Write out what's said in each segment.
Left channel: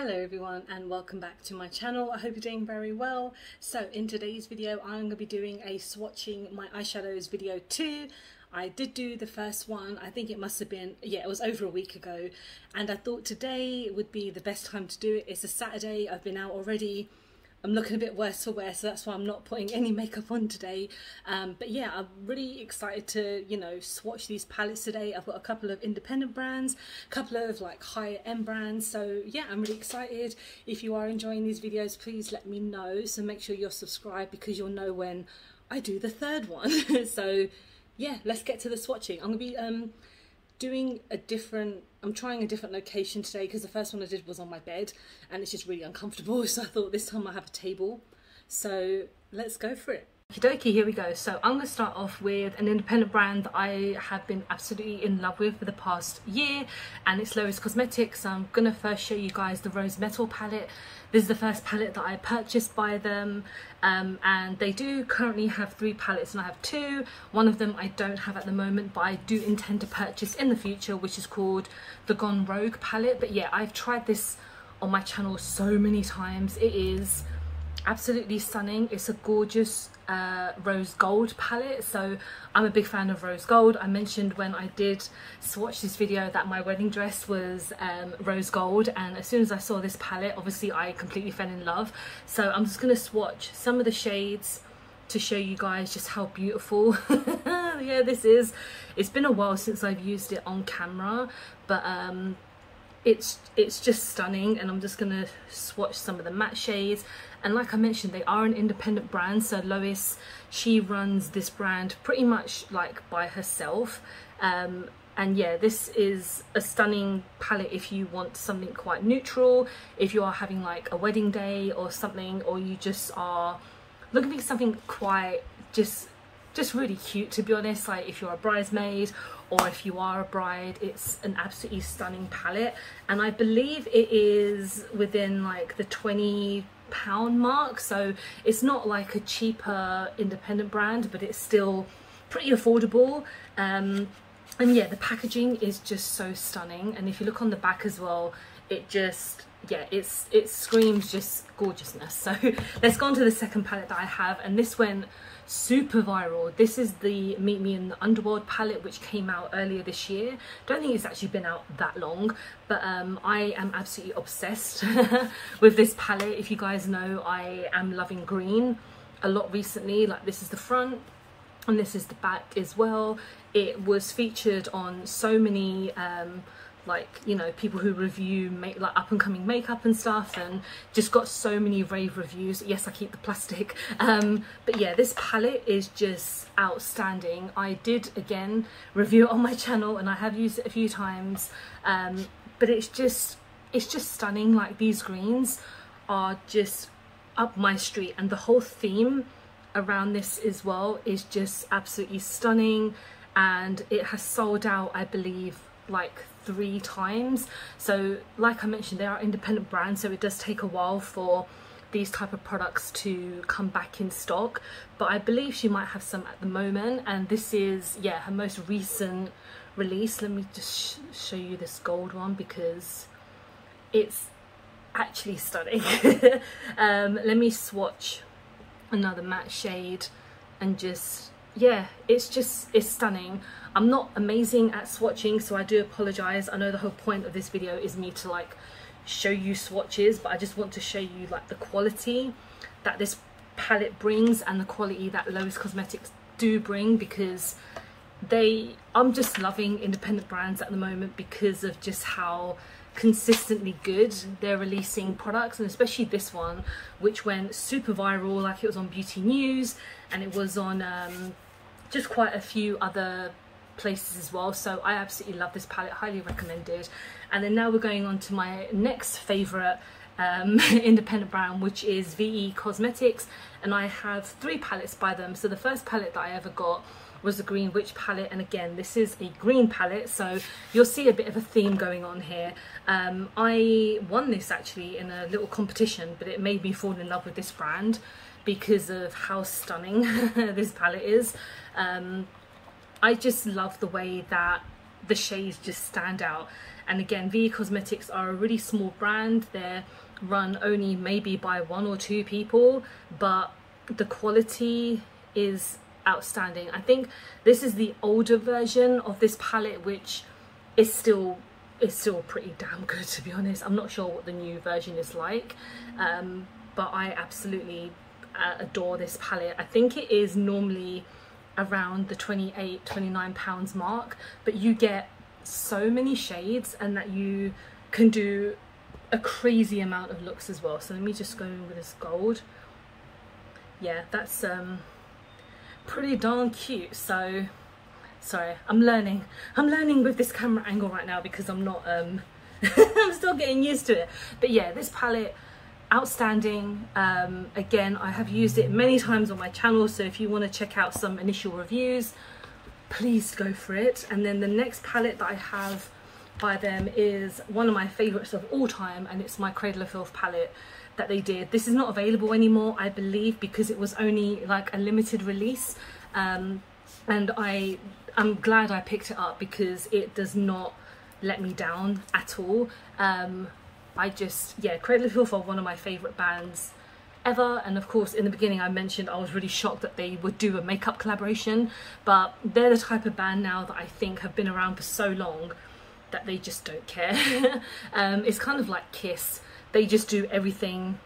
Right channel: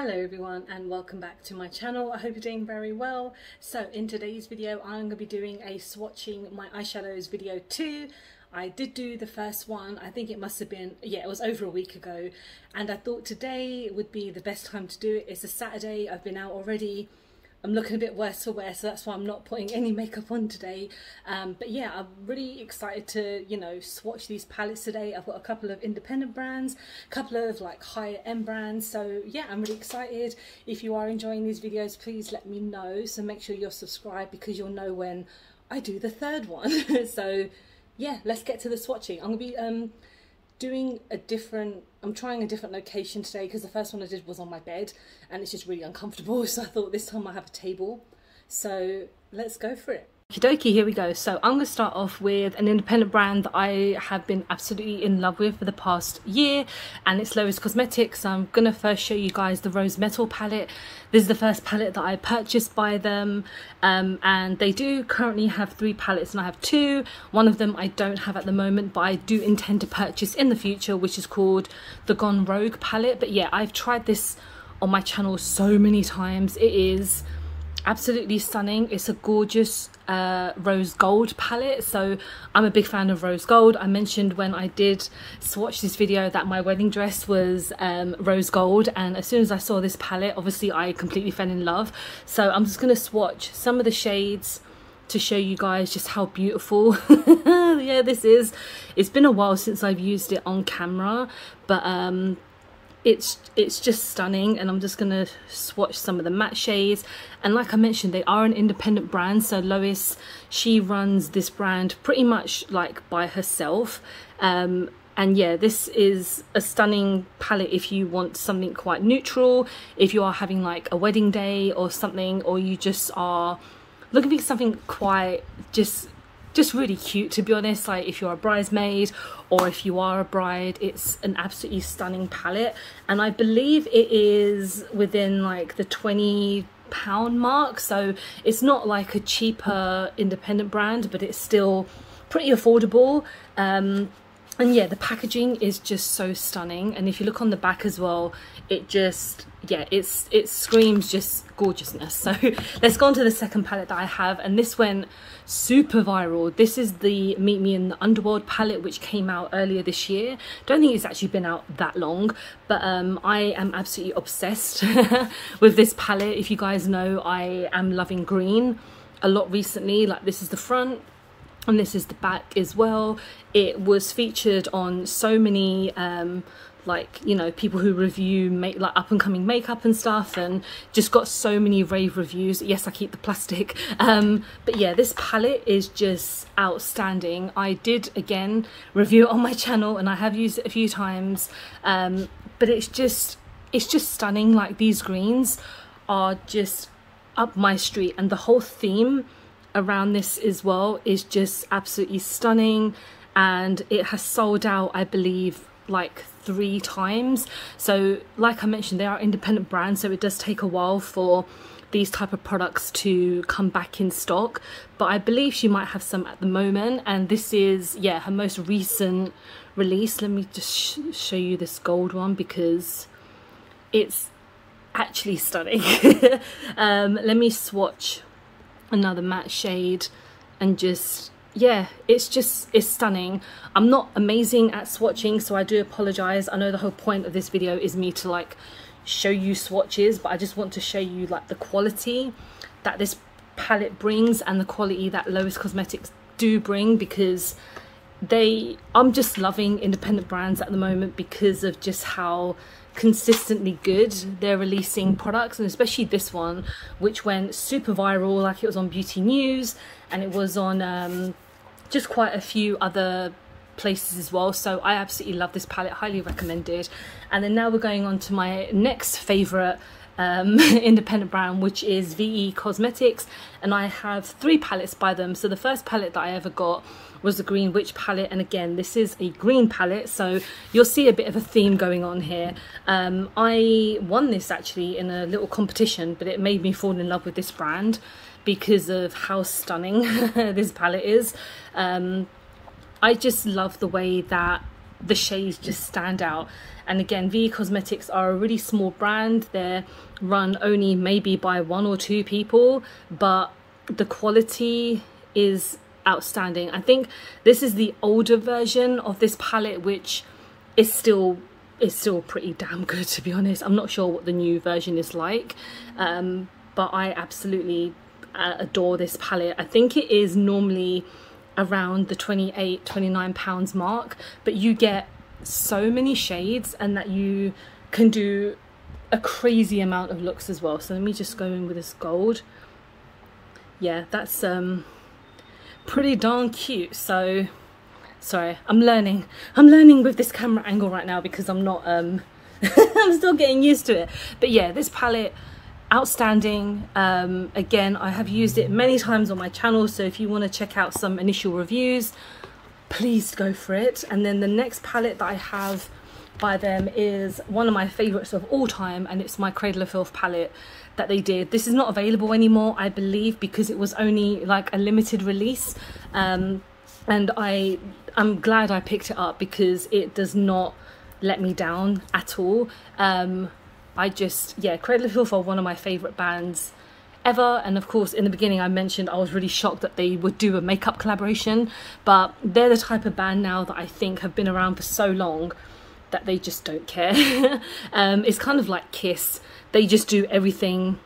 Hello everyone and welcome back to my channel. I hope you're doing very well. So in today's video I'm going to be doing a swatching my eyeshadows video 2. I did do the first one, I think it must have been, yeah, it was over a week ago, and I thought today would be the best time to do it. It's a Saturday, I've been out already, I'm looking a bit worse for wear, so that's why I'm not putting any makeup on today. But yeah, I'm really excited to, you know, swatch these palettes today. I've got a couple of independent brands, a couple of like higher end brands. So yeah, I'm really excited. If you are enjoying these videos, please let me know. So make sure you're subscribed because you'll know when I do the third one. So yeah, let's get to the swatching. I'm gonna be I'm trying a different location today because the first one I did was on my bed and it's just really uncomfortable, so I thought this time I have a table. So let's go for it. Okie dokie, here we go. So I'm going to start off with an independent brand that I have been absolutely in love with for the past year, and it's Lois Cosmetics. I'm going to first show you guys the Rose Metal palette. This is the first palette that I purchased by them, and they do currently have 3 palettes and I have 2. One of them I don't have at the moment, but I do intend to purchase in the future, which is called the Gone Rogue palette. But yeah, I've tried this on my channel so many times. It is absolutely stunning. It's a gorgeous rose gold palette, so I'm a big fan of rose gold. I mentioned when I did swatch this video that my wedding dress was rose gold, and as soon as I saw this palette, obviously I completely fell in love. So I'm just going to swatch some of the shades to show you guys just how beautiful yeah, this is. It's been a while since I've used it on camera, but it's just stunning, and I'm just gonna swatch some of the matte shades. And like I mentioned, they are an independent brand, so Lois, she runs this brand pretty much like by herself, and yeah, this is a stunning palette if you want something quite neutral, if you are having like a wedding day or something, or you just are looking for something quite just really cute, to be honest. Like if you're a bridesmaid or if you are a bride, it's an absolutely stunning palette, and I believe it is within like the £20 mark, so it's not like a cheaper independent brand, but it's still pretty affordable. And yeah, the packaging is just so stunning, and if you look on the back as well, it just, yeah, it screams just gorgeousness. So let's go on to the second palette that I have, and this went super viral. This is the Meet Me in the Underworld palette, which came out earlier this year. Don't think it's actually been out that long, but I am absolutely obsessed with this palette. If you guys know, I am loving green a lot recently. Like this is the front and this is the back as well. It was featured on so many like, you know, people who review like up and coming makeup and stuff, and just got so many rave reviews. Yes, I keep the plastic. But yeah, this palette is just outstanding. I did again review it on my channel and I have used it a few times, but it's just stunning. Like these greens are just up my street, and the whole theme around this as well is just absolutely stunning, and it has sold out, I believe, like 3 times. So like I mentioned, they are independent brands, so it does take a while for these type of products to come back in stock, but I believe she might have some at the moment, and this is, yeah, her most recent release. Let me just show you this gold one because it's actually stunning. Let me swatch another matte shade, and just, yeah, it's stunning. I'm not amazing at swatching, so I do apologize. I know the whole point of this video is me to like show you swatches, but I just want to show you like the quality that this palette brings and the quality that Lois Cosmetics do bring, because I'm just loving independent brands at the moment because of just how consistently good they're releasing products, and especially this one, which went super viral. Like it was on Beauty News, and it was on just quite a few other places as well. So I absolutely love this palette, highly recommended. And then now we're going on to my next favorite independent brand, which is VE Cosmetics, and I have 3 palettes by them. So the first palette that I ever got was the Green Witch palette, and again, this is a green palette, so you'll see a bit of a theme going on here. I won this actually in a little competition, but it made me fall in love with this brand because of how stunning this palette is. I just love the way that the shades just stand out, And again, VE Cosmetics are a really small brand. They're run only maybe by 1 or 2 people, but the quality is outstanding. I think this is the older version of this palette, which is still pretty damn good, to be honest. I'm not sure what the new version is like, but I absolutely adore this palette. I think it is normally around the £28-29 mark, but you get so many shades and that you can do a crazy amount of looks as well. So let me just go in with this gold. Yeah, that's pretty darn cute. So sorry, I'm learning with this camera angle right now because I'm not I'm still getting used to it. But yeah, this palette, outstanding. Again, I have used it many times on my channel, so if you want to check out some initial reviews, please go for it. And then the next palette that I have by them is one of my favorites of all time, and it's my Cradle of Filth palette that they did. This is not available anymore, I believe, because it was only like a limited release, and I'm glad I picked it up because it does not let me down at all. Yeah, Cradle of Filth are one of my favorite bands ever, and of course in the beginning I mentioned I was really shocked that they would do a makeup collaboration, but they're the type of band now that I think have been around for so long that they just don't care. It's kind of like Kiss. They just do everything.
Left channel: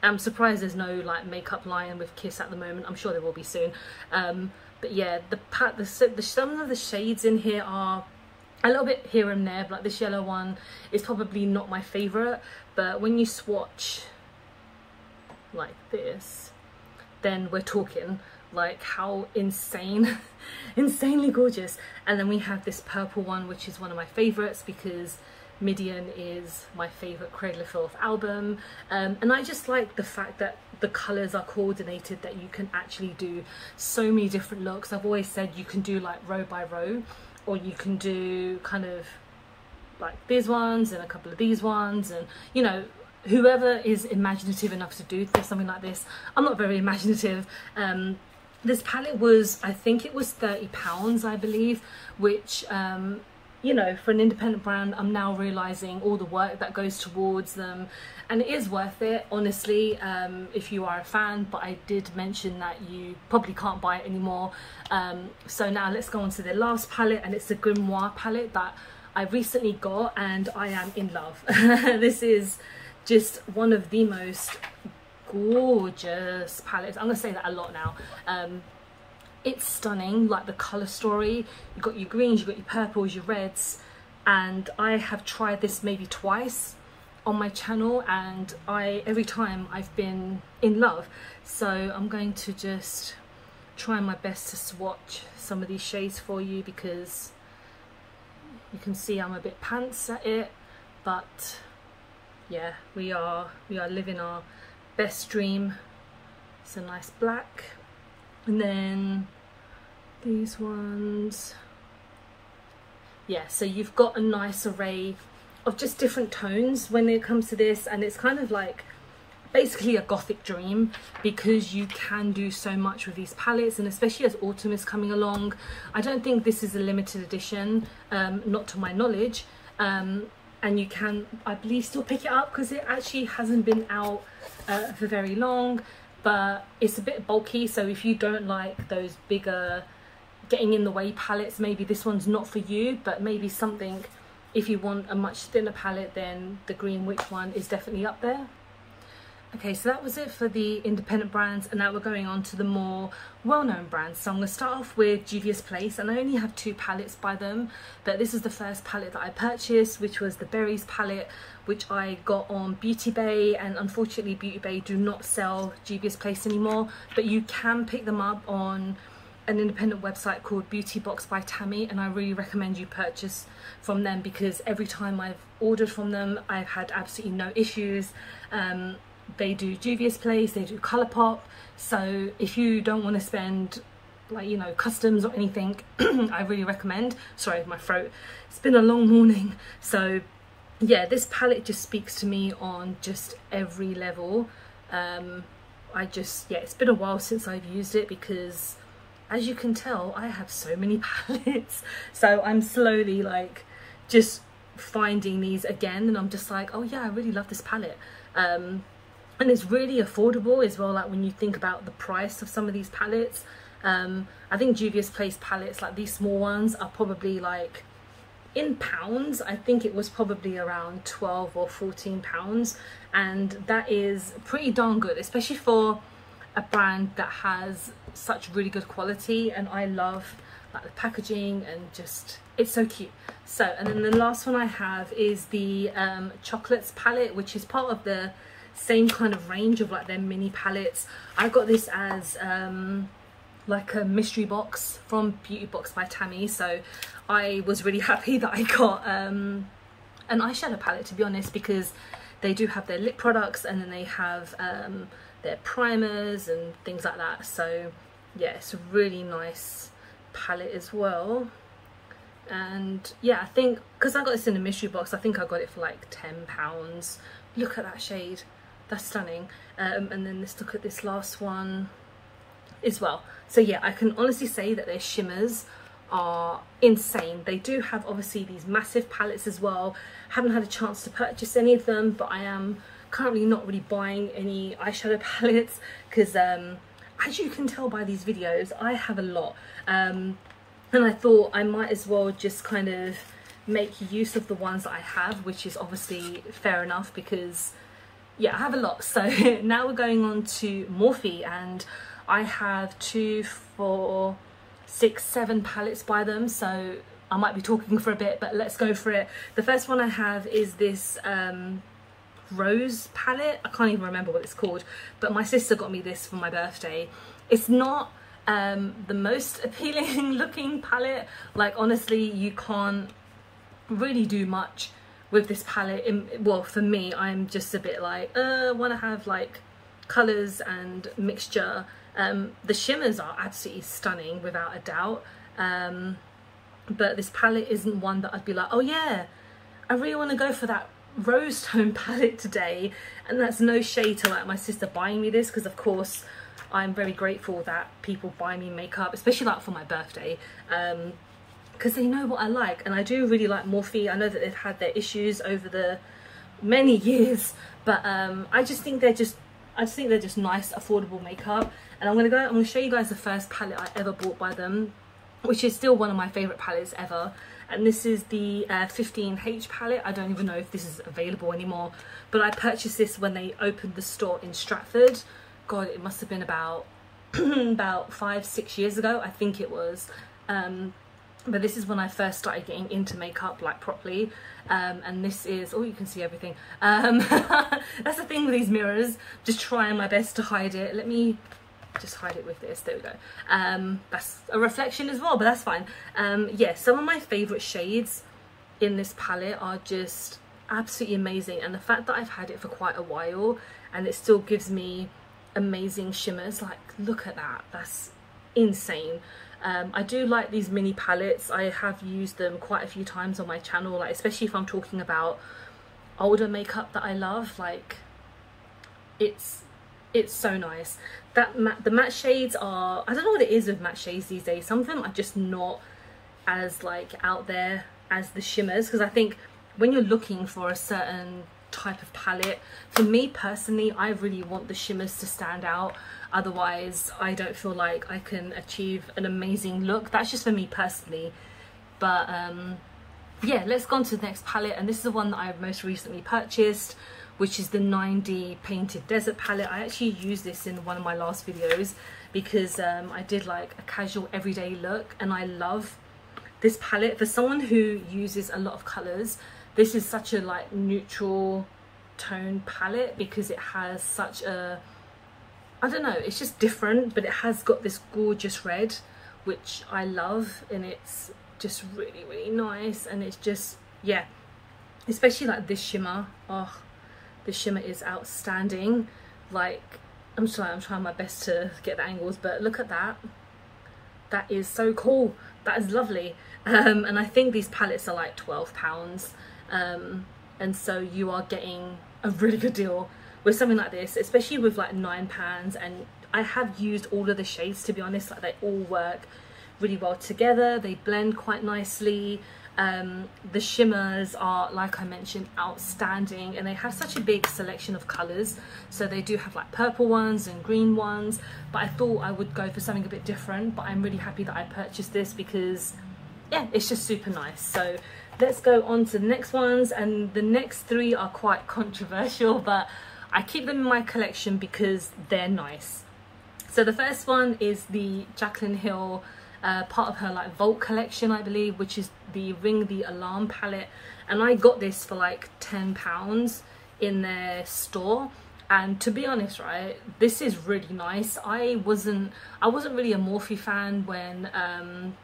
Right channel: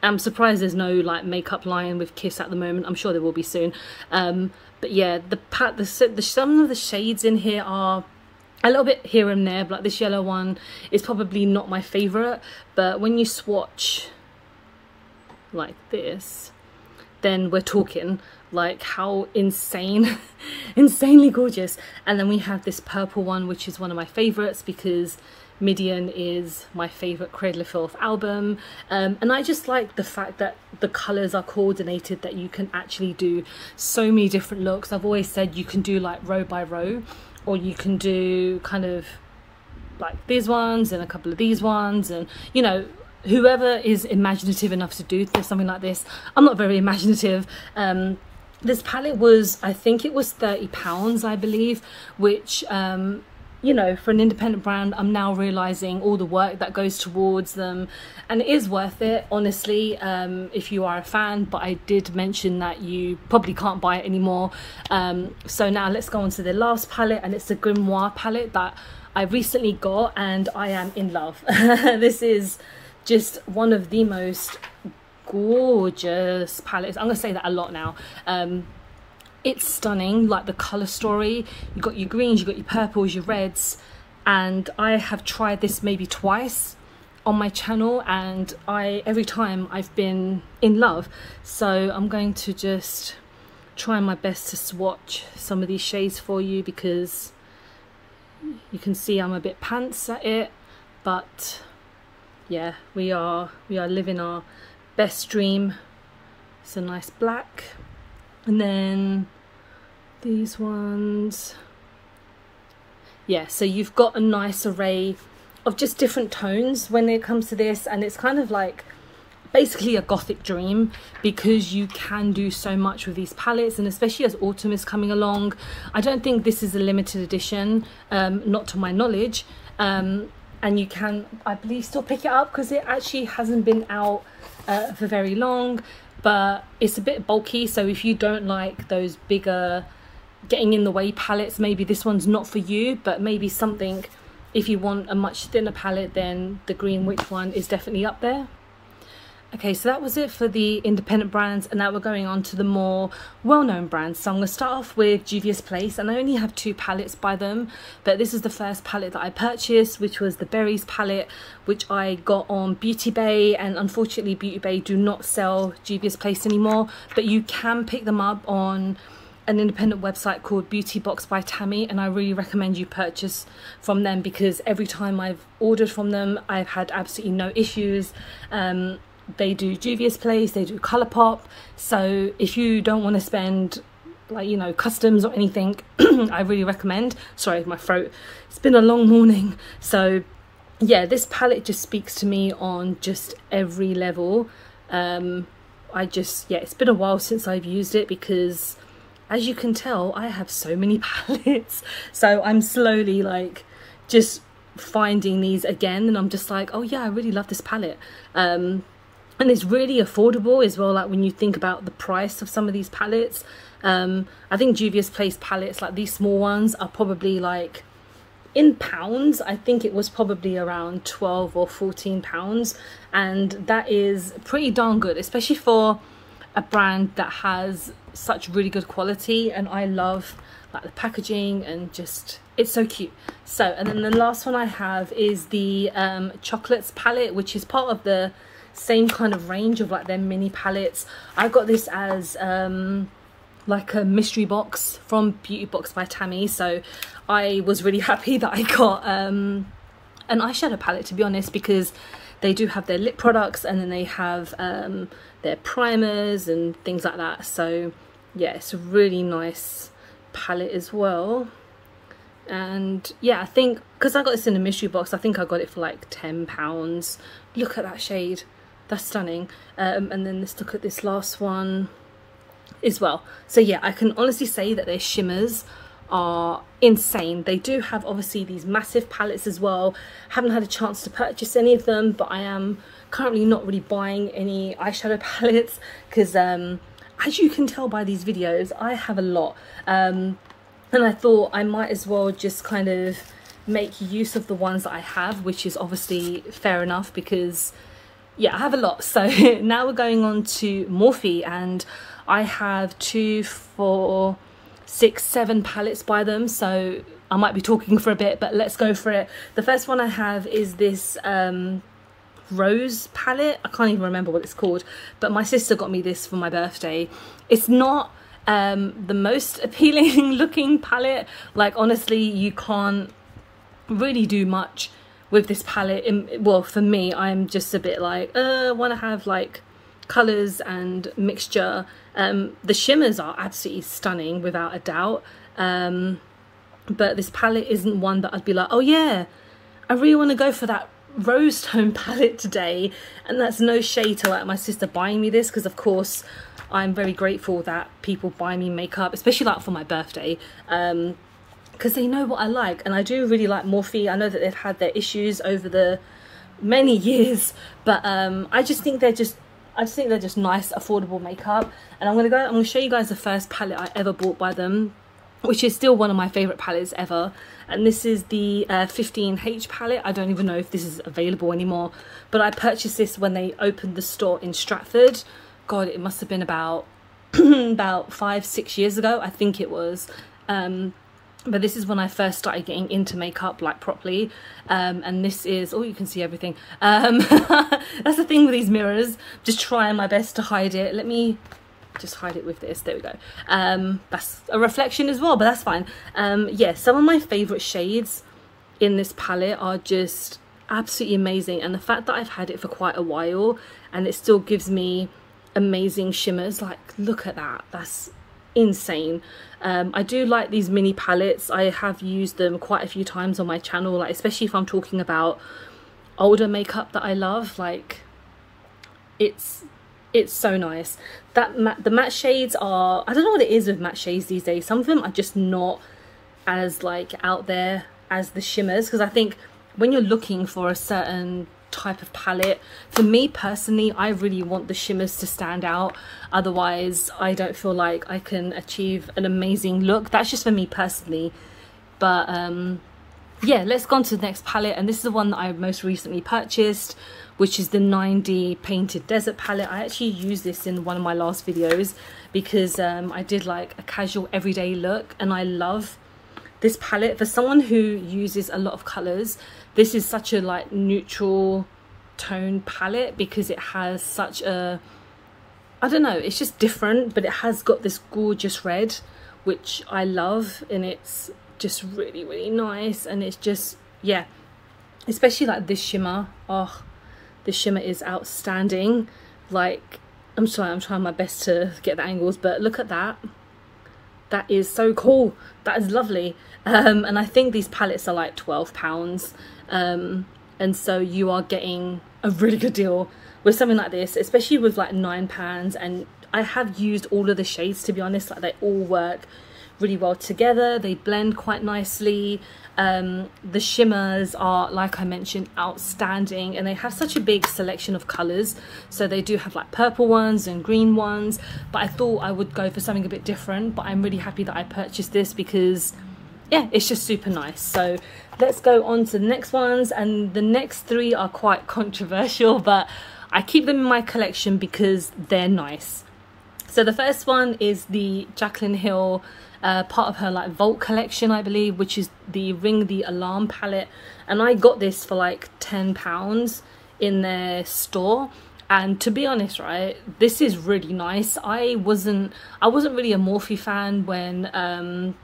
I'm surprised there's no like makeup line with Kiss at the moment. I'm sure there will be soon. But yeah, some of the shades in here are a little bit here and there, but like this yellow one is probably not my favorite. But when you swatch like this, then we're talking like how insanely gorgeous. And then we have this purple one, which is one of my favorites because Midian is my favorite Cradle of Filth album, and I just like the fact that the colors are coordinated, that you can actually do so many different looks. I've always said you can do like row by row, or you can do kind of like these ones and a couple of these ones, and you know, whoever is imaginative enough to do something like this. I'm not very imaginative. This palette was, I think it was £30, I believe, which you know, for an independent brand, I'm now realizing all the work that goes towards them, and it is worth it, honestly, if you are a fan. But I did mention that you probably can't buy it anymore. So now let's go on to the last palette, and it's the Grimoire palette that I recently got, and I am in love. This is just one of the most gorgeous palettes. I'm gonna say that a lot now. It's stunning, like the color story. You got your greens, you got your purples, your reds, and I have tried this maybe twice on my channel, and every time I've been in love. So I'm going to just try my best to swatch some of these shades for you, because you can see I'm a bit pants at it, but yeah, we are living our best dream. It's a nice black, and then these ones, yeah, so you've got a nice array of just different tones when it comes to this, and it's kind of like basically a gothic dream, because you can do so much with these palettes, and especially as autumn is coming along. I don't think this is a limited edition, not to my knowledge, and you can, I believe, still pick it up because it actually hasn't been out for very long, but it's a bit bulky. So if you don't like those bigger getting in the way palettes, maybe this one's not for you. But maybe something, if you want a much thinner palette, then the Green Witch one is definitely up there. Okay, so that was it for the independent brands, and now we're going on to the more well-known brands. So I'm going to start off with Juvia's Place, and I only have 2 palettes by them, but this is the first palette that I purchased, which was the Berries palette, which I got on Beauty Bay, and unfortunately Beauty Bay do not sell Juvia's Place anymore, but you can pick them up on an independent website called Beauty Box by Tammy, and I really recommend you purchase from them, because every time I've ordered from them I've had absolutely no issues. They do Juvia's Place, they do Colourpop, so if you don't want to spend, like, you know, customs or anything, I really recommend. Sorry, my throat, it's been a long morning. So yeah, this palette just speaks to me on just every level. Yeah, it's been a while since I've used it, because as you can tell I have so many palettes, so I'm slowly like just finding these again, and I'm just like, oh yeah, I really love this palette. And it's really affordable as well, like when you think about the price of some of these palettes. I think Juvia's Place palettes, like these small ones, are probably like, in pounds, I think it was probably around 12 or 14 pounds, and that is pretty darn good, especially for a brand that has such really good quality. And I love like the packaging, and just, it's so cute. So, and then the last one I have is the Chocolates palette, which is part of the same kind of range of like their mini palettes. I got this as like a mystery box from Beauty Box by Tammy, so I was really happy that I got an eyeshadow palette, to be honest, because they do have their lip products, and then they have their primers and things like that. So yeah, it's a really nice palette as well. And yeah, I think because I got this in a mystery box, I think I got it for like £10. Look at that shade, that's stunning. And then let's look at this last one as well. So yeah, I can honestly say that their shimmers are insane. They do have obviously these massive palettes as well. Haven't had a chance to purchase any of them, but I am currently not really buying any eyeshadow palettes because as you can tell by these videos, I have a lot, and I thought I might as well just kind of make use of the ones that I have, which is obviously fair enough because yeah, I have a lot. So now we're going on to Morphe, and I have 2, 4, 6, 7 palettes by them, so I might be talking for a bit, but let's go for it. The first one I have is this Rose palette. I can't even remember what it's called, but my sister got me this for my birthday. It's not the most appealing looking palette. Like honestly, you can't really do much with this palette. Well, for me, I'm just a bit like, I want to have like colours and mixture. The shimmers are absolutely stunning without a doubt, but this palette isn't one that I'd be like, oh yeah, I really want to go for that rose tone palette today. And that's no shade to like my sister buying me this, because of course I'm very grateful that people buy me makeup, especially like for my birthday, because they know what I like. And I do really like Morphe. I know that they've had their issues over the many years, but I just think they're just nice, affordable makeup. And I'm gonna show you guys the first palette I ever bought by them, which is still one of my favorite palettes ever. And this is the 15H palette. I don't even know if this is available anymore, but I purchased this when they opened the store in Stratford. God, it must have been about about 5-6 years ago, I think it was. But this is when I first started getting into makeup like properly. And this is, oh, you can see everything. That's the thing with these mirrors, just trying my best to hide it. Let me just hide it with this, there we go. That's a reflection as well, but that's fine. Yeah, some of my favorite shades in this palette are just absolutely amazing, and the fact that I've had it for quite a while and it still gives me amazing shimmers, like look at that, that's insane. I do like these mini palettes. I have used them quite a few times on my channel, like especially if I'm talking about older makeup that I love. Like it's so nice. The matte shades are, I don't know what it is with matte shades these days. Some of them are just not as like out there as the shimmers, because I think when you're looking for a certain type of palette, for me personally, I really want the shimmers to stand out. Otherwise I don't feel like I can achieve an amazing look. That's just for me personally. But yeah, let's go on to the next palette, and this is the one that I most recently purchased, which is the 9D Painted Desert palette. I actually used this in one of my last videos because I did like a casual everyday look, and I love this palette. For someone who uses a lot of colours, this is such a like neutral tone palette because it has such a, I don't know, it's just different, but it has got this gorgeous red, which I love, and it's just really, really nice. And it's just, yeah, especially like this shimmer, oh, the shimmer is outstanding. Like, I'm trying my best to get the angles, but look at that. That is so cool. That is lovely. And I think these palettes are like £12. And so you are getting a really good deal with something like this, especially with like £9. And I have used all of the shades, to be honest. Like, they all work really well together. They blend quite nicely. The shimmers are, like I mentioned, outstanding, and they have such a big selection of colors. So they do have like purple ones and green ones, but I thought I would go for something a bit different. But I'm really happy that I purchased this because yeah, it's just super nice. So let's go on to the next ones, and the next three are quite controversial, but I keep them in my collection because they're nice. So the first one is the Jaclyn Hill, part of her like Vault collection, I believe, which is the Ring the Alarm palette, and I got this for like £10 in their store. And to be honest, right, this is really nice. I wasn't really a Morphe fan when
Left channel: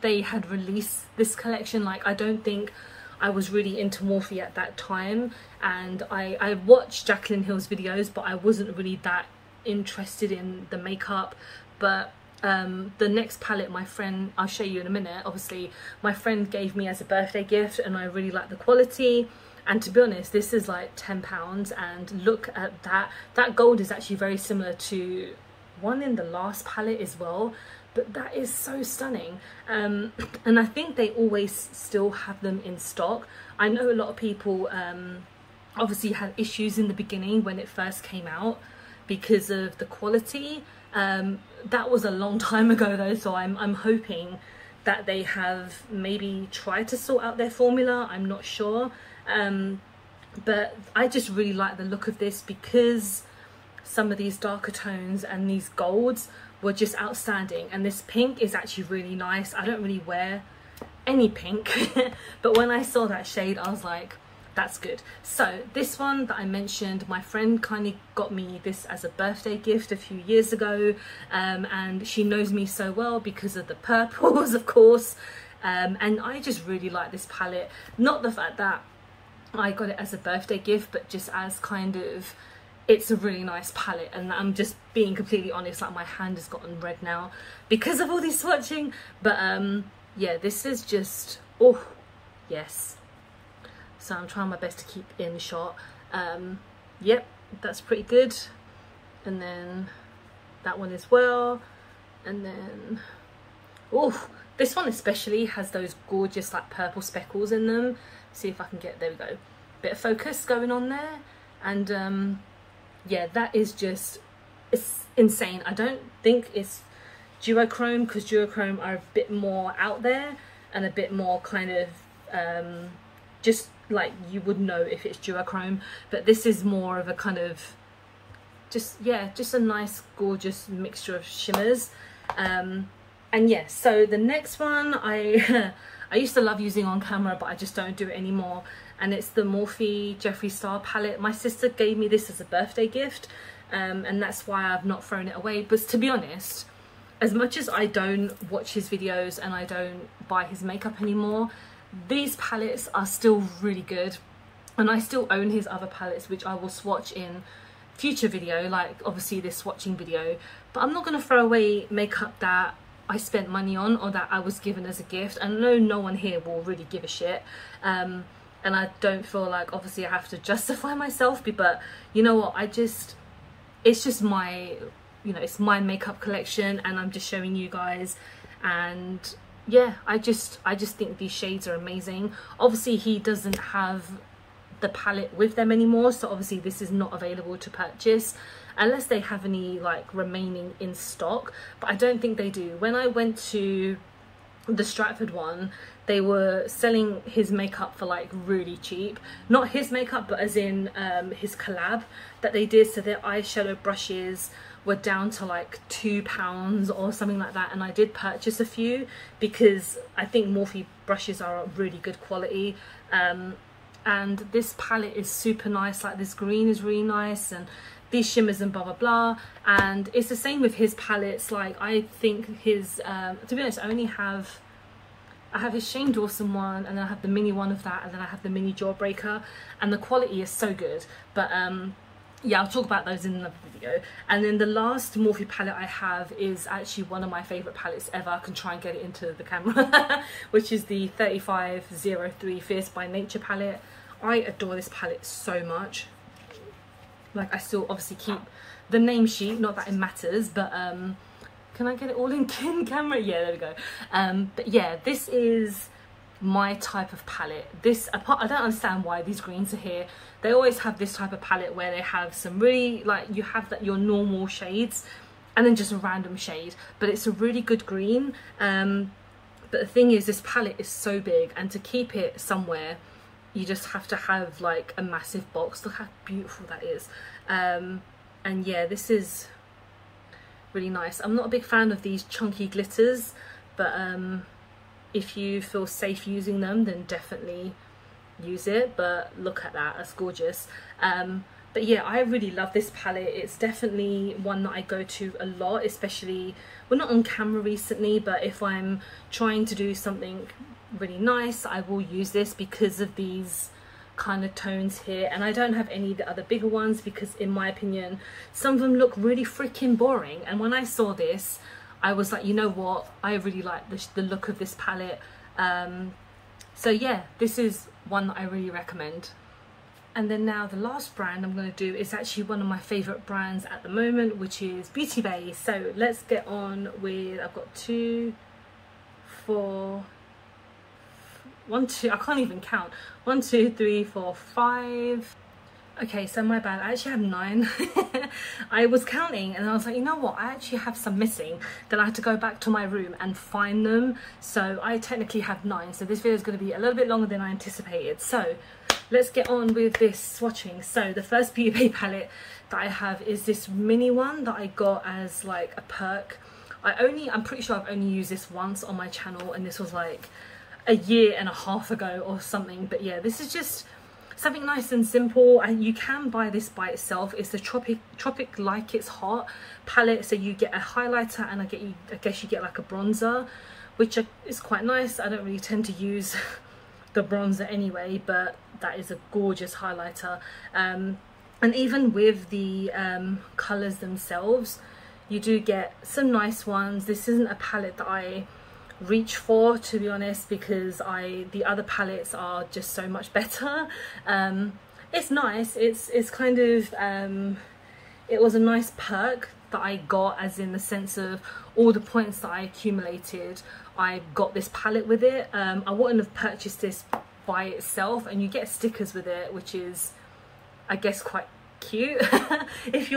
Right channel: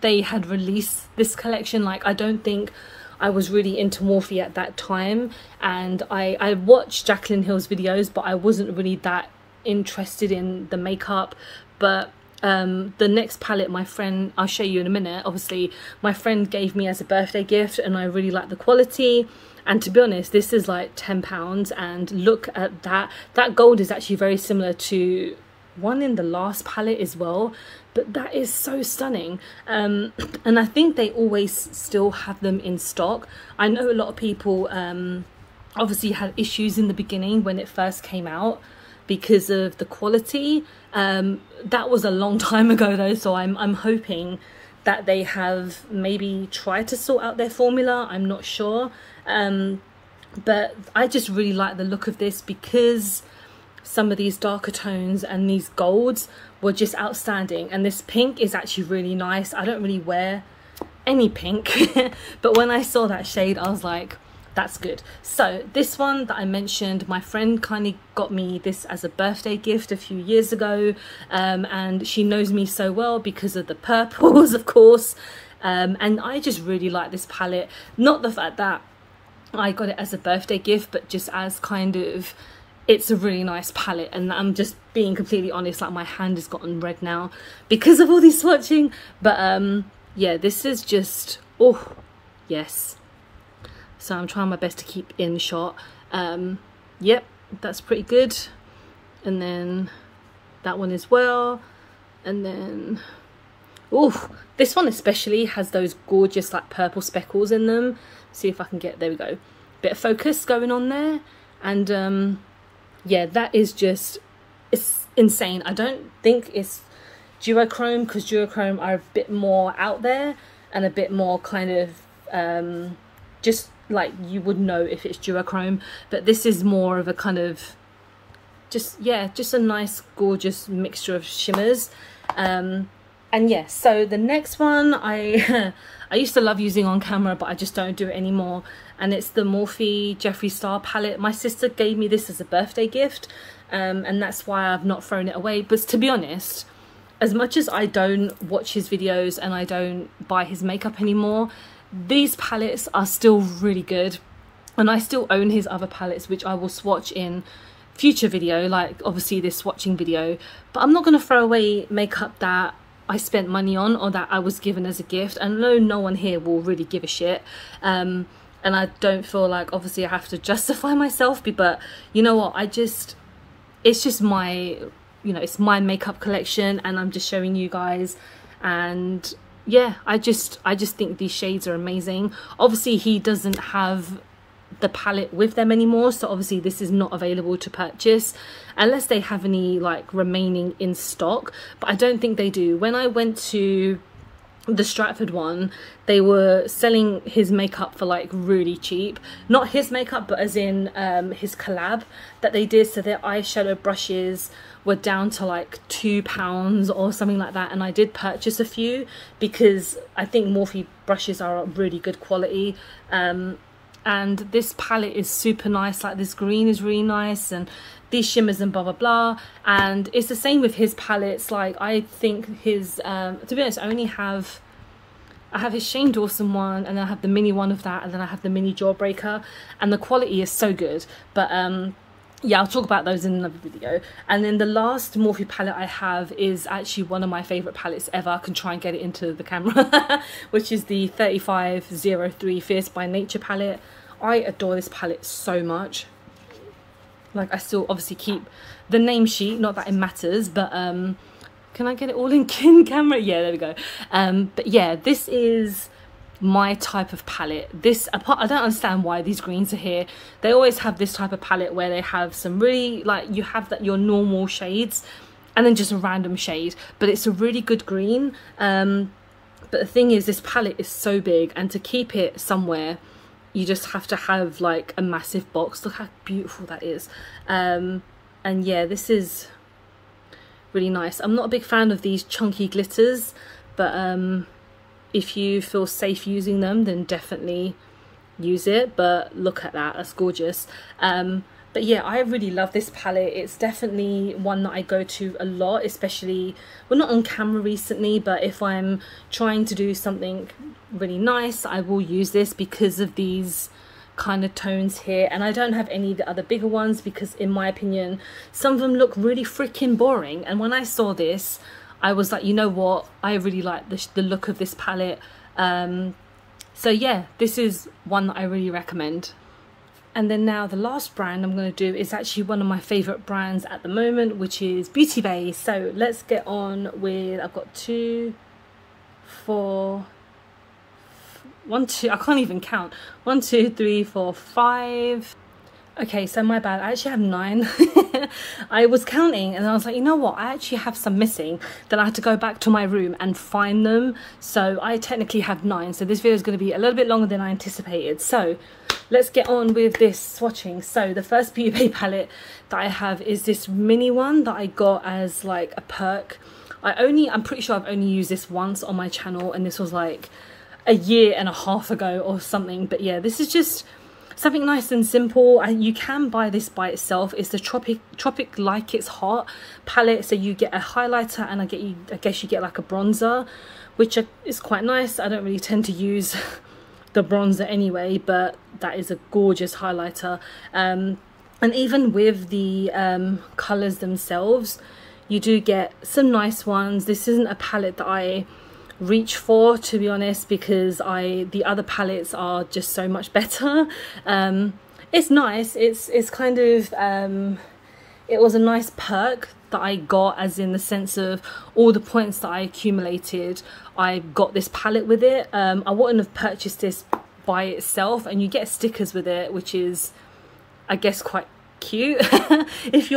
they had released this collection. Like, I don't think I was really into Morphe at that time, and I watched Jaclyn Hill's videos, but I wasn't really that interested in the makeup. But the next palette, my friend, I'll show you in a minute, obviously my friend gave me as a birthday gift, and I really like the quality. And to be honest, this is like £10, and look at that gold is actually very similar to one in the last palette as well, but that is so stunning. And I think they always still have them in stock. I know a lot of people obviously had issues in the beginning when it first came out because of the quality. That was a long time ago though, so I'm hoping that they have maybe tried to sort out their formula. I'm not sure, but I just really like the look of this because some of these darker tones and these golds were just outstanding, and this pink is actually really nice. I don't really wear any pink but when I saw that shade I was like, that's good. So this one that I mentioned, my friend kindly got me this as a birthday gift a few years ago, and she knows me so well because of the purples, of course, and I just really like this palette. Not the fact that I got it as a birthday gift, but just as kind of, it's a really nice palette. And I'm just being completely honest, like my hand has gotten red now because of all this swatching. But yeah, this is just, oh yes. So I'm trying my best to keep in shot. Yep, that's pretty good. And then that one as well. And then, oh, this one especially has those gorgeous like purple speckles in them. See if I can get, there we go. Bit of focus going on there. And yeah, that is just, it's insane. I don't think it's duochrome, because duochrome are a bit more out there and a bit more kind of just like you would know if it's duochrome, but this is more of a kind of just, yeah, just a nice gorgeous mixture of shimmers. And yeah, so the next one I used to love using on camera, but I just don't do it anymore, and it's the Morphe Jeffree Star palette. My sister gave me this as a birthday gift, and that's why I've not thrown it away. But to be honest, as much as I don't watch his videos and I don't buy his makeup anymore, these palettes are still really good, and I still own his other palettes, which I will swatch in future video, like obviously this swatching video. But I'm not going to throw away makeup that I spent money on or that I was given as a gift. I know no one here will really give a shit, and I don't feel like obviously I have to justify myself, but you know what, it's just my, you know, it's my makeup collection, and I'm just showing you guys. And yeah, I just think these shades are amazing. Obviously he doesn't have the palette with them anymore, so obviously this is not available to purchase unless they have any like remaining in stock, but I don't think they do. When I went to the Stratford one, they were selling his makeup for like really cheap. Not his makeup, but as in his collab that they did. So their eyeshadow brushes were down to like £2 or something like that, and I did purchase a few because I think Morphe brushes are really good quality. And this palette is super nice, like this green is really nice, and these shimmers and blah blah blah. And it's the same with his palettes. Like I think his to be honest, I have his Shane Dawson one, and then I have the mini one of that, and then I have the mini Jawbreaker, and the quality is so good. But yeah, I'll talk about those in another video. And then the last Morphe palette I have is actually one of my favourite palettes ever. I can try and get it into the camera which is the 3503 Fierce by Nature palette. I adore this palette so much. Like, I still obviously keep the name sheet, not that it matters, but Can I get it all in camera? Yeah, there we go. But yeah, this is my type of palette. This, apart, I don't understand why these greens are here. They always have this type of palette where they have some really, like, you have that your normal shades and then just a random shade, but it's a really good green. But the thing is, this palette is so big, and to keep it somewhere you just have to have like a massive box. Look how beautiful that is. And yeah, this is really nice. I'm not a big fan of these chunky glitters, but if you feel safe using them, then definitely use it. But look at that, that's gorgeous. But yeah, I really love this palette. It's definitely one that I go to a lot, especially, well, not on camera recently, but if I'm trying to do something really nice, I will use this because of these kind of tones here. And I don't have any of the other bigger ones because, in my opinion, some of them look really freaking boring. And when I saw this, I was like, you know what, I really like the look of this palette. So yeah, this is one that I really recommend. And then now the last brand I'm going to do is actually one of my favourite brands at the moment, which is Beauty Bay. So let's get on with, I've got 2, 4, 1, 2, I can't even count. 1, 2, 3, 4, 5. Okay, so my bad, I actually have 9. I was counting and I was like, you know what, I actually have some missing. Then I had to go back to my room and find them. So I technically have 9. So this video is going to be a little bit longer than I anticipated. So let's get on with this swatching. So the first Beauty Bay palette that I have is this mini one that I got as like a perk. I'm pretty sure I've only used this once on my channel, and this was like a year and a half ago or something. But yeah, this is just something nice and simple, and you can buy this by itself. It's the Tropic Like It's Hot palette. So you get a highlighter and I guess you get like a bronzer, which is quite nice. I don't really tend to use the bronzer anyway, but that is a gorgeous highlighter. And even with the colours themselves, you do get some nice ones. This isn't a palette that I reach for, to be honest, because the other palettes are just so much better. It's nice, it's kind of it was a nice perk that I got, as in the sense of all the points that I accumulated, I got this palette with it. I wouldn't have purchased this by itself, and you get stickers with it, which is, I guess, quite cute. if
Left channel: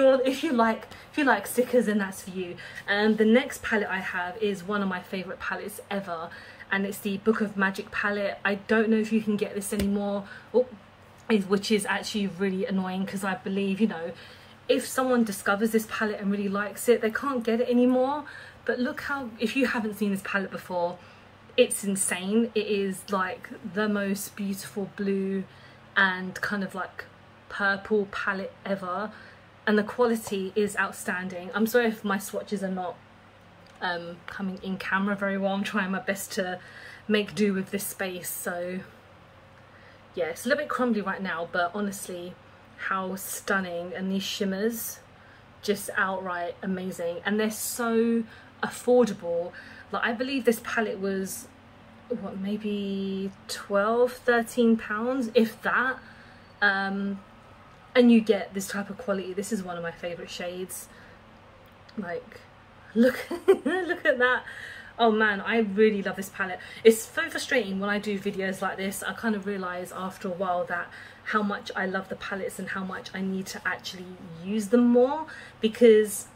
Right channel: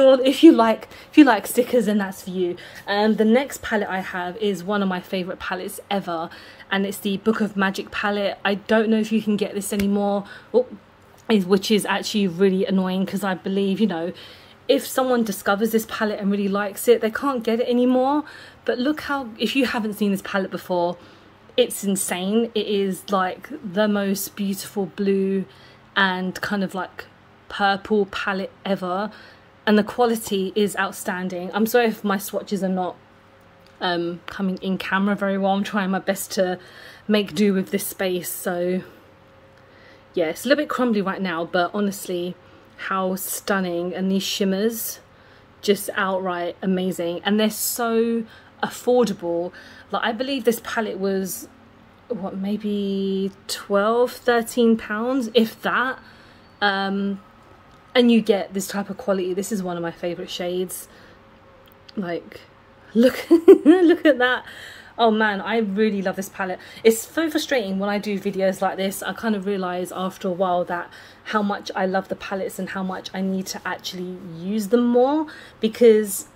you like stickers, then that's for you. And the next palette I have is one of my favorite palettes ever, and it's the Book of Magic palette. I don't know if you can get this anymore, which is actually really annoying, because I believe, you know, if someone discovers this palette and really likes it, they can't get it anymore. But look how, if you haven't seen this palette before, it's insane. It is like the most beautiful blue and kind of like purple palette ever, and the quality is outstanding. I'm sorry if my swatches are not coming in camera very well. I'm trying my best to make do with this space. So yeah, it's a little bit crumbly right now, but honestly, how stunning. And these shimmers, just outright amazing, and they're so affordable. Like, I believe this palette was, what, maybe 12-13 pounds, if that. And you get this type of quality. This is one of my favorite shades. Like, look look at that. Oh man, I really love this palette. It's so frustrating when I do videos like this. I kind of realize after a while that how much I love the palettes and how much I need to actually use them more, because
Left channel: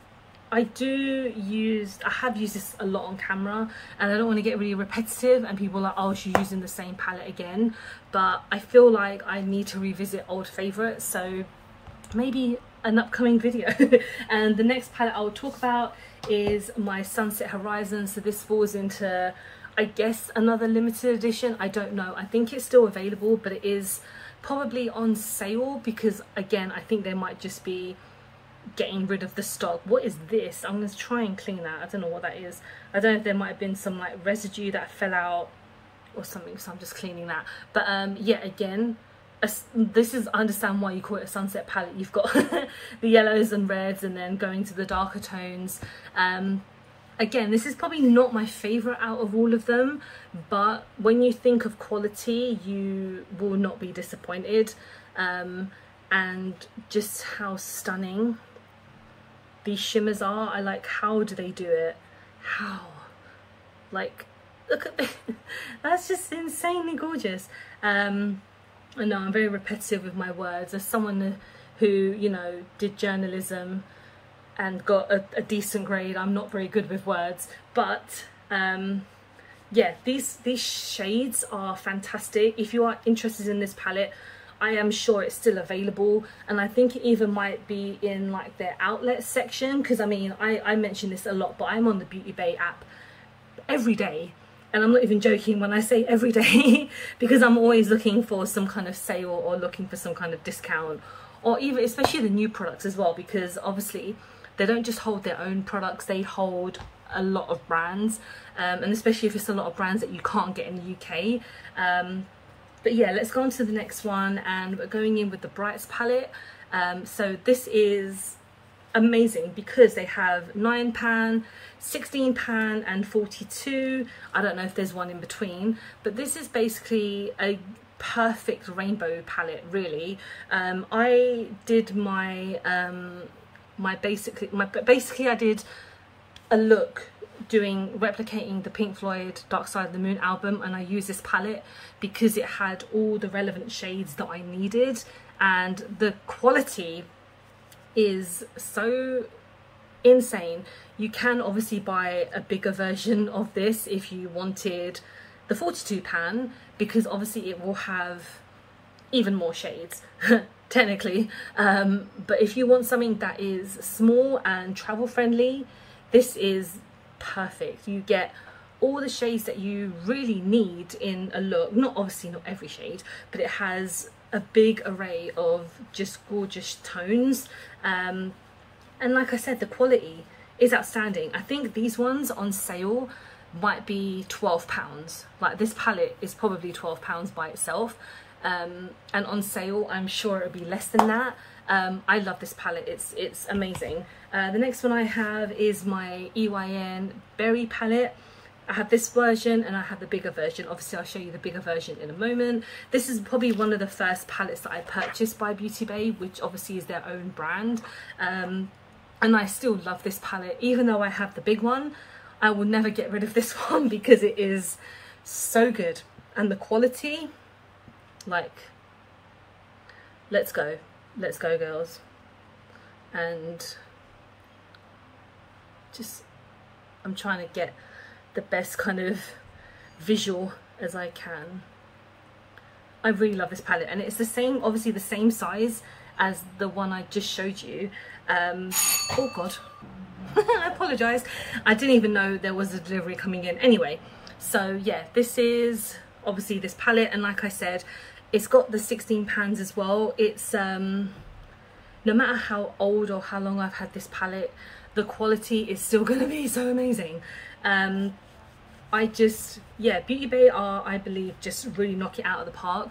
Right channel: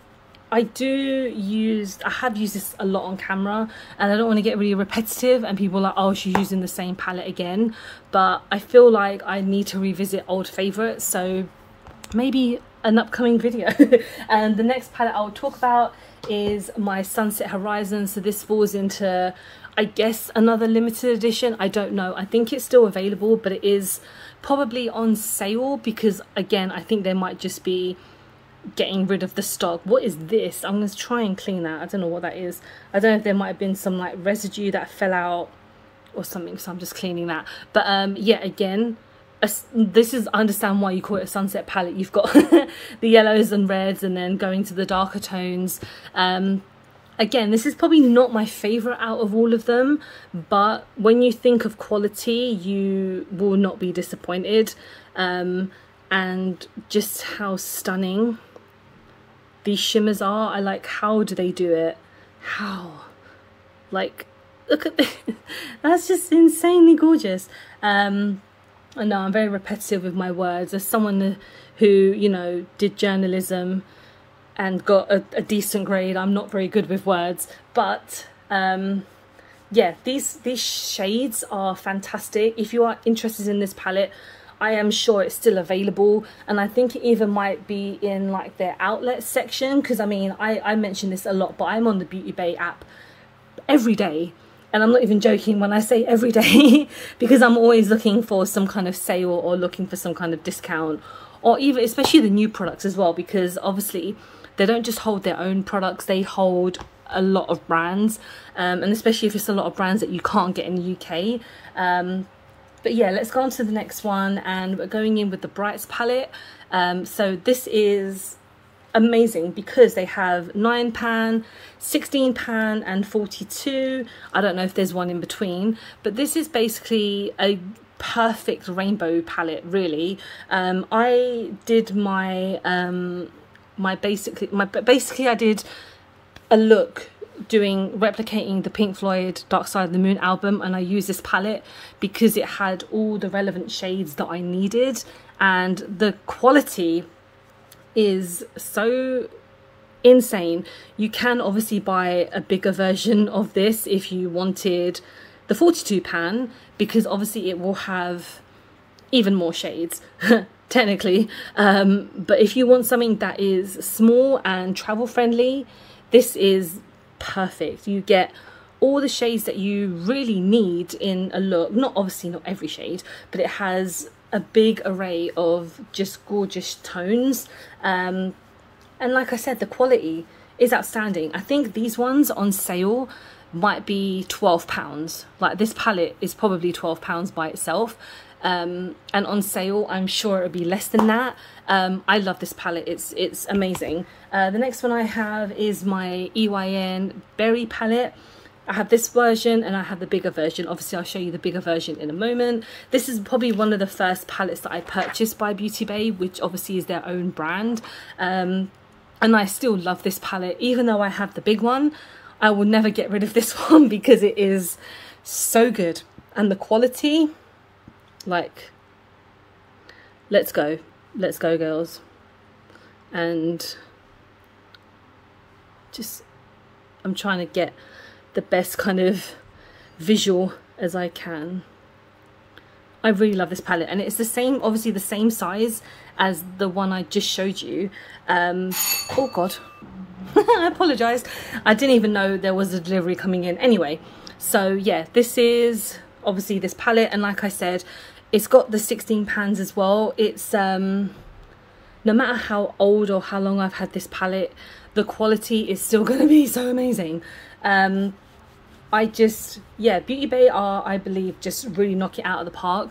I have used this a lot on camera, and I don't want to get really repetitive and people are like, oh, she's using the same palette again. But I feel like I need to revisit old favorites, so maybe an upcoming video. And the next palette I'll talk about is my Sunset Horizon. So this falls into, I guess, another limited edition. I don't know, I think it's still available, but it is probably on sale, because again, I think they might just be getting rid of the stock. What is this? I'm going to try and clean that. I don't know what that is. I don't know if there might have been some like residue that fell out or something, so I'm just cleaning that. But yeah, again, this is, I understand why you call it a sunset palette. You've got the yellows and reds, and then going to the darker tones. Again, this is probably not my favorite out of all of them, but when you think of quality, you will not be disappointed. And just how stunning these shimmers are. I like, how do they do it? how, like, look at this. That's just insanely gorgeous. I know I'm very repetitive with my words. As someone who, you know, did journalism and got a decent grade, I'm not very good with words, but yeah, these shades are fantastic. If you are interested in this palette, I am sure it's still available, and I think it even might be in like their outlet section, because I mean, I mention this a lot, but I'm on the Beauty Bay app every day, and I'm not even joking when I say every day because I'm always looking for some kind of sale or looking for some kind of discount, or even especially the new products as well, because obviously they don't just hold their own products, they hold a lot of brands, and especially if it's a lot of brands that you can't get in the UK. But yeah, let's go on to the next one, and we're going in with the Brights palette. So this is amazing because they have 9 pan, 16 pan and 42. I don't know if there's one in between, but this is basically a perfect rainbow palette, really. I did my basically I did a look replicating the Pink Floyd Dark Side of the Moon album, and I used this palette because it had all the relevant shades that I needed, and the quality is so insane. You can obviously buy a bigger version of this if you wanted the 42 pan, because obviously it will have even more shades technically, but if you want something that is small and travel friendly, this is perfect. You get all the shades that you really need in a look. Not obviously not every shade, but it has a big array of just gorgeous tones, and like I said, the quality is outstanding. I think these ones on sale might be £12. Like, this palette is probably £12 by itself, and on sale I'm sure it would be less than that. I love this palette, it's amazing. The next one I have is my Eyn Berry Palette. I have this version and I have the bigger version. Obviously I'll show you the bigger version in a moment. This is probably one of the first palettes that I purchased by Beauty Bay, which obviously is their own brand, and I still love this palette. Even though I have the big one, I will never get rid of this one because it is so good, and the quality, like, let's go girls. And just, I'm trying to get the best kind of visual as I can. I really love this palette, and it's the same, obviously the same size as the one I just showed you. Oh god, I apologize, I didn't even know there was a delivery coming in. Anyway, so yeah, this is obviously this palette, and like I said, it's got the 16 pans as well. It's no matter how old or how long I've had this palette, the quality is still going to be so amazing. I just, yeah, Beauty Bay are, I believe, just really knock it out of the park.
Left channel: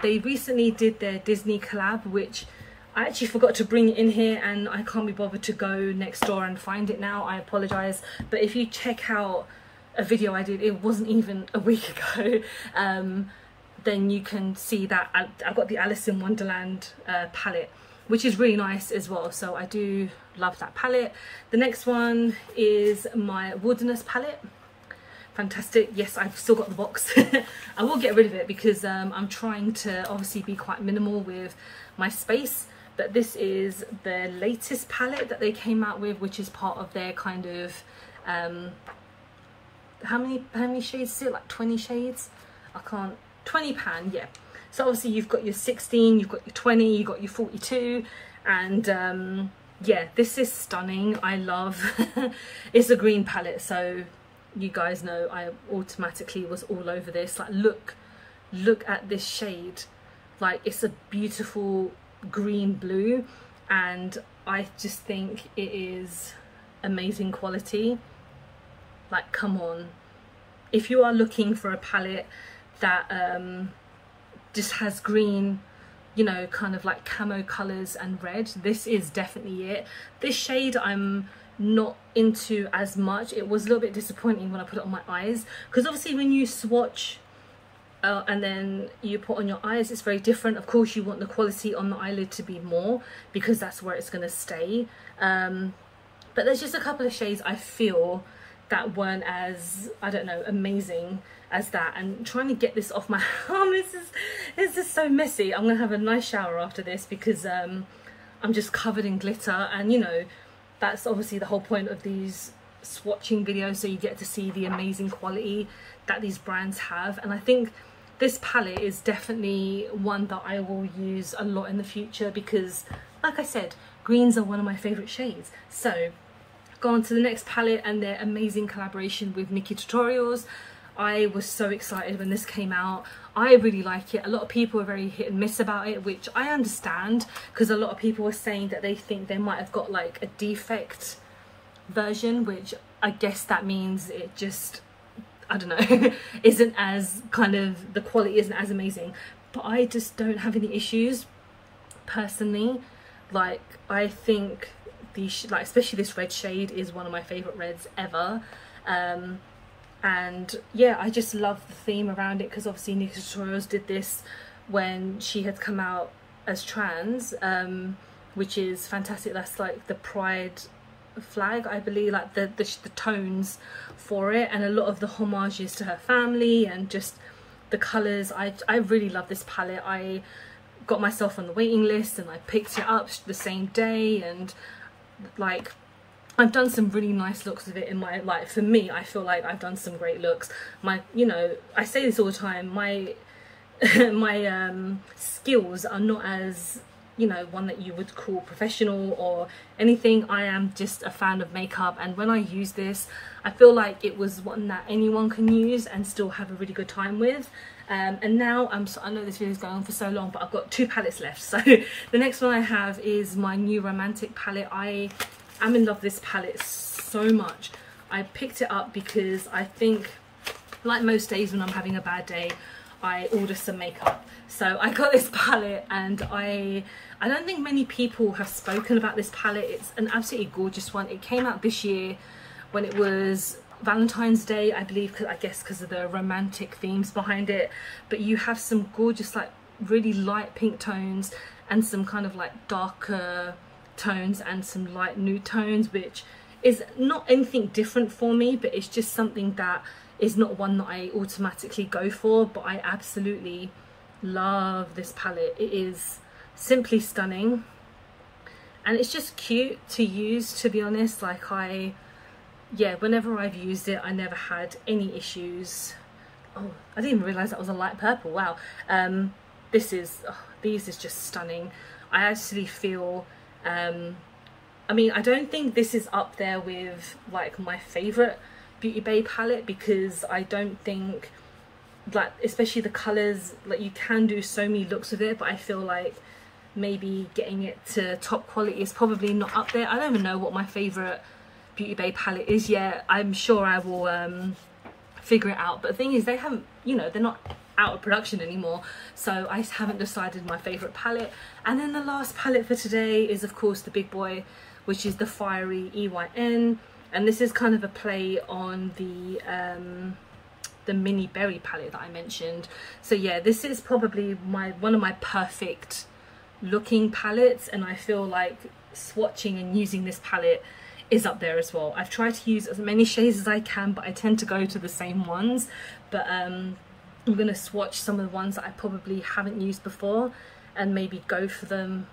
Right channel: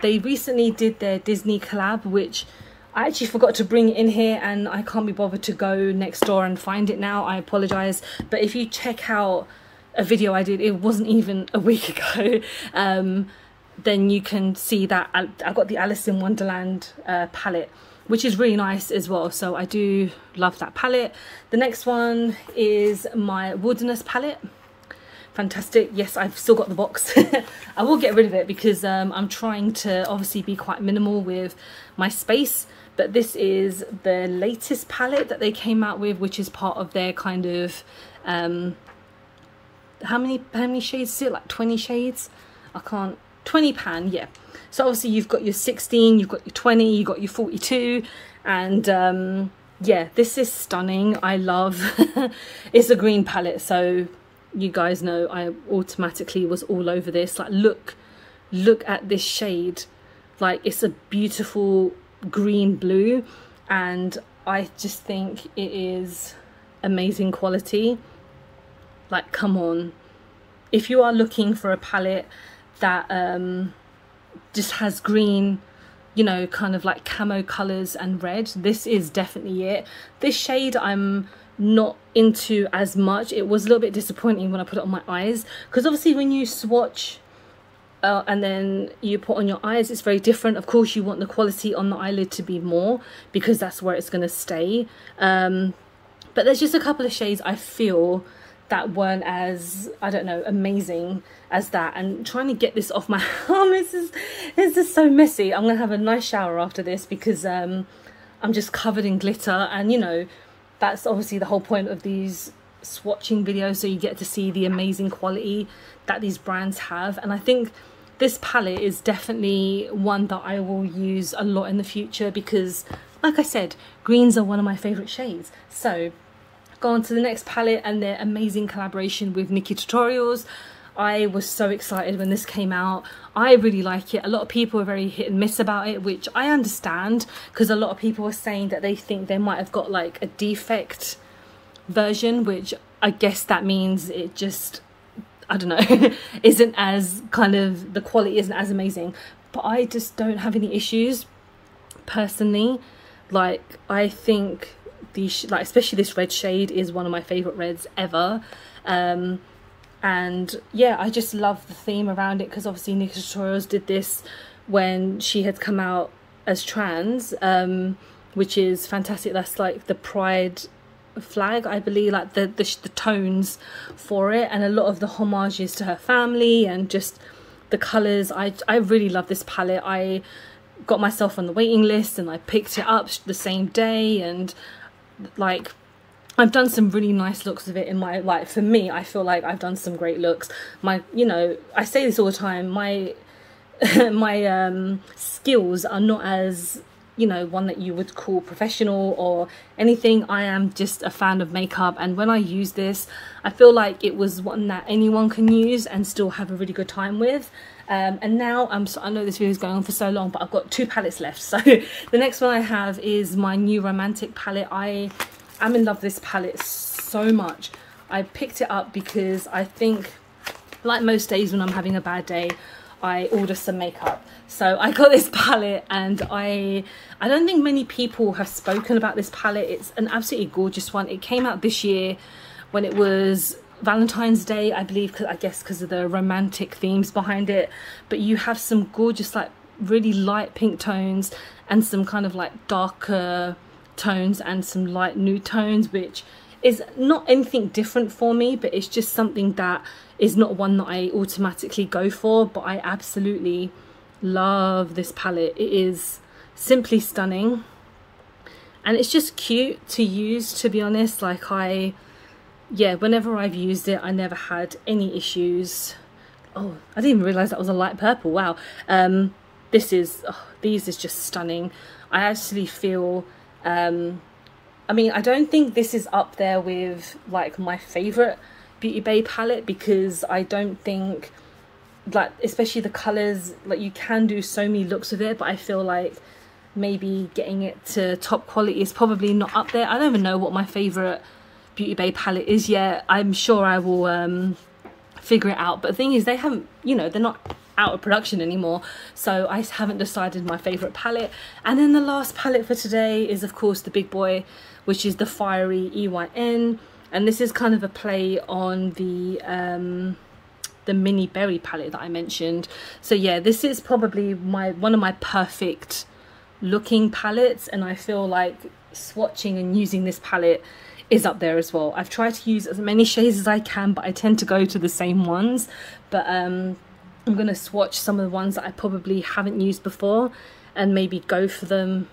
They recently did their Disney collab, which I actually forgot to bring it in here, and I can't be bothered to go next door and find it now. I apologize, but if you check out a video I did, it wasn't even a week ago, then you can see that I got the Alice in Wonderland palette, which is really nice as well. So I do love that palette. The next one is my Wilderness palette. Fantastic. Yes, I've still got the box. I will get rid of it because I'm trying to obviously be quite minimal with my space. But this is the latest palette that they came out with, which is part of their kind of how many shades is it? Like 20 shades? I can't. 20 pan, yeah. So obviously you've got your 16, you've got your 20, you've got your 42, and yeah, this is stunning. I love it's a green palette, so you guys know I automatically was all over this. Like, look at this shade. Like, it's a beautiful green blue, and I just think it is amazing quality. Like, come on, if you are looking for a palette that just has green, you know, kind of like camo colors and red, this is definitely it. This shade I'm not into as much. It was a little bit disappointing when I put it on my eyes, because obviously when you swatch and then you put on your eyes, it's very different. Of course you want the quality on the eyelid to be more, because that's where it's going to stay, but there's just a couple of shades I feel that weren't as, I don't know, amazing as that. And trying to get this off my arm, this is so messy. I'm gonna have a nice shower after this because I'm just covered in glitter, and you know, that's obviously the whole point of these swatching videos, so you get to see the amazing quality that these brands have. And I think this palette is definitely one that I will use a lot in the future because, like I said, greens are one of my favorite shades. So go on to the next palette and their amazing collaboration with Nikki Tutorials. I was so excited when this came out. I really like it. A lot of people are very hit and miss about it, which I understand, because a lot of people were saying that they think they might have got like a defect version, which I guess that means it just, I don't know, isn't as kind of, the quality isn't as amazing. But I just don't have any issues personally. Like, I think these, like especially this red shade is one of my favorite reds ever. And yeah, I just love the theme around it, because obviously Nikki Tutorials did this when she had come out as trans, which is fantastic. That's like the pride flag, I believe, like the tones for it, and a lot of the homages to her family and just the colours. I really love this palette. I got myself on the waiting list and I picked it up the same day, and like, I've done some really nice looks of it in my, like, for me, I feel like I've done some great looks. My, you know, I say this all the time, my my skills are not as, you know, one that you would call professional or anything. I am just a fan of makeup, and when I use this, I feel like it was one that anyone can use and still have a really good time with. And now I know this video is going on for so long, but I've got 2 palettes left. So the next one I have is my new romantic palette. I'm in love with this palette so much. I picked it up because I think, like most days when I'm having a bad day, I order some makeup. So I got this palette, and I don't think many people have spoken about this palette. It's an absolutely gorgeous one. It came out this year when it was Valentine's Day, I believe, I guess because of the romantic themes behind it. But you have some gorgeous, like, really light pink tones and some kind of like darker tones and some light nude tones, which is not anything different for me, but it's just something that is not one that I automatically go for. But I absolutely love this palette. It is simply stunning, and it's just cute to use, to be honest. Like, yeah, whenever I've used it, I never had any issues. Oh, I didn't even realize that was a light purple. Wow. These is just stunning. I actually feel, I mean, I don't think this is up there with like my favorite Beauty Bay palette, because I don't think, like, especially the colors, like, you can do so many looks with it, but I feel like maybe getting it to top quality is probably not up there. I don't even know what my favorite Beauty Bay palette is yet. I'm sure I will figure it out, but the thing is, they haven't, you know, they're not out of production anymore, so I haven't decided my favorite palette. And then the last palette for today is, of course, the big boy, which is the Fiery Eyn, and this is kind of a play on the mini berry palette that I mentioned. So yeah, this is probably one of my perfect looking palettes, and I feel like swatching and using this palette is up there as well. I've tried to use as many shades as I can, but I tend to go to the same ones. But I'm gonna swatch some of the ones that I probably haven't used before and maybe go for them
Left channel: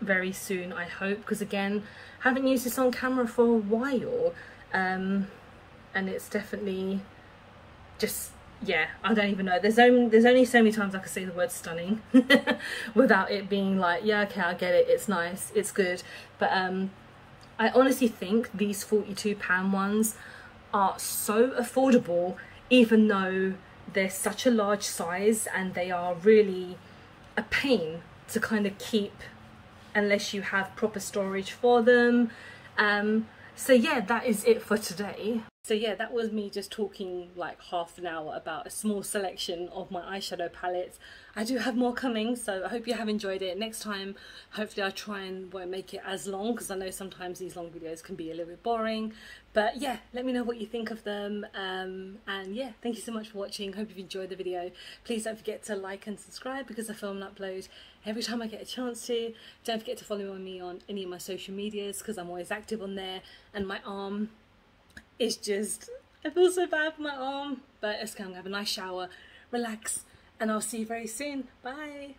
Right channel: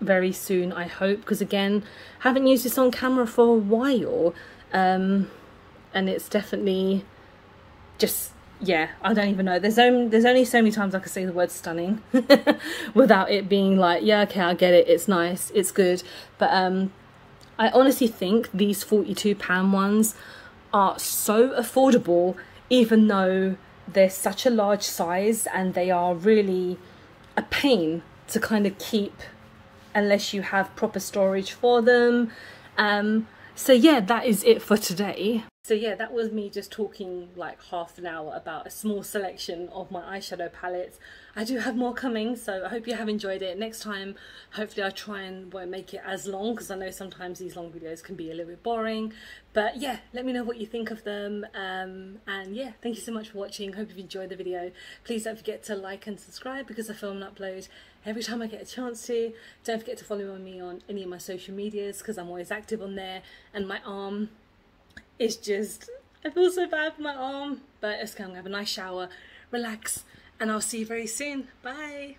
very soon, I hope, because again, haven't used this on camera for a while, and it's definitely just, yeah, I don't even know, there's only so many times I can say the word stunning without it being like, yeah, okay, I get it, it's nice, it's good. But I honestly think these £42 ones are so affordable, even though they're such a large size, and they are really a pain to kind of keep unless you have proper storage for them. So yeah, that is it for today. So yeah, that was me just talking like half an hour about a small selection of my eyeshadow palettes. I do have more coming, so I hope you have enjoyed it. Next time, hopefully I try and won't make it as long, because I know sometimes these long videos can be a little bit boring. But yeah, let me know what you think of them. And yeah, thank you so much for watching. Hope you've enjoyed the video. Please don't forget to like and subscribe, because I film and upload every time I get a chance to. Don't forget to follow me on any of my social medias, because I'm always active on there. And my arm It's just, I feel so bad for my arm. But it's okay, I'm gonna have a nice shower, relax, and I'll see you very soon. Bye.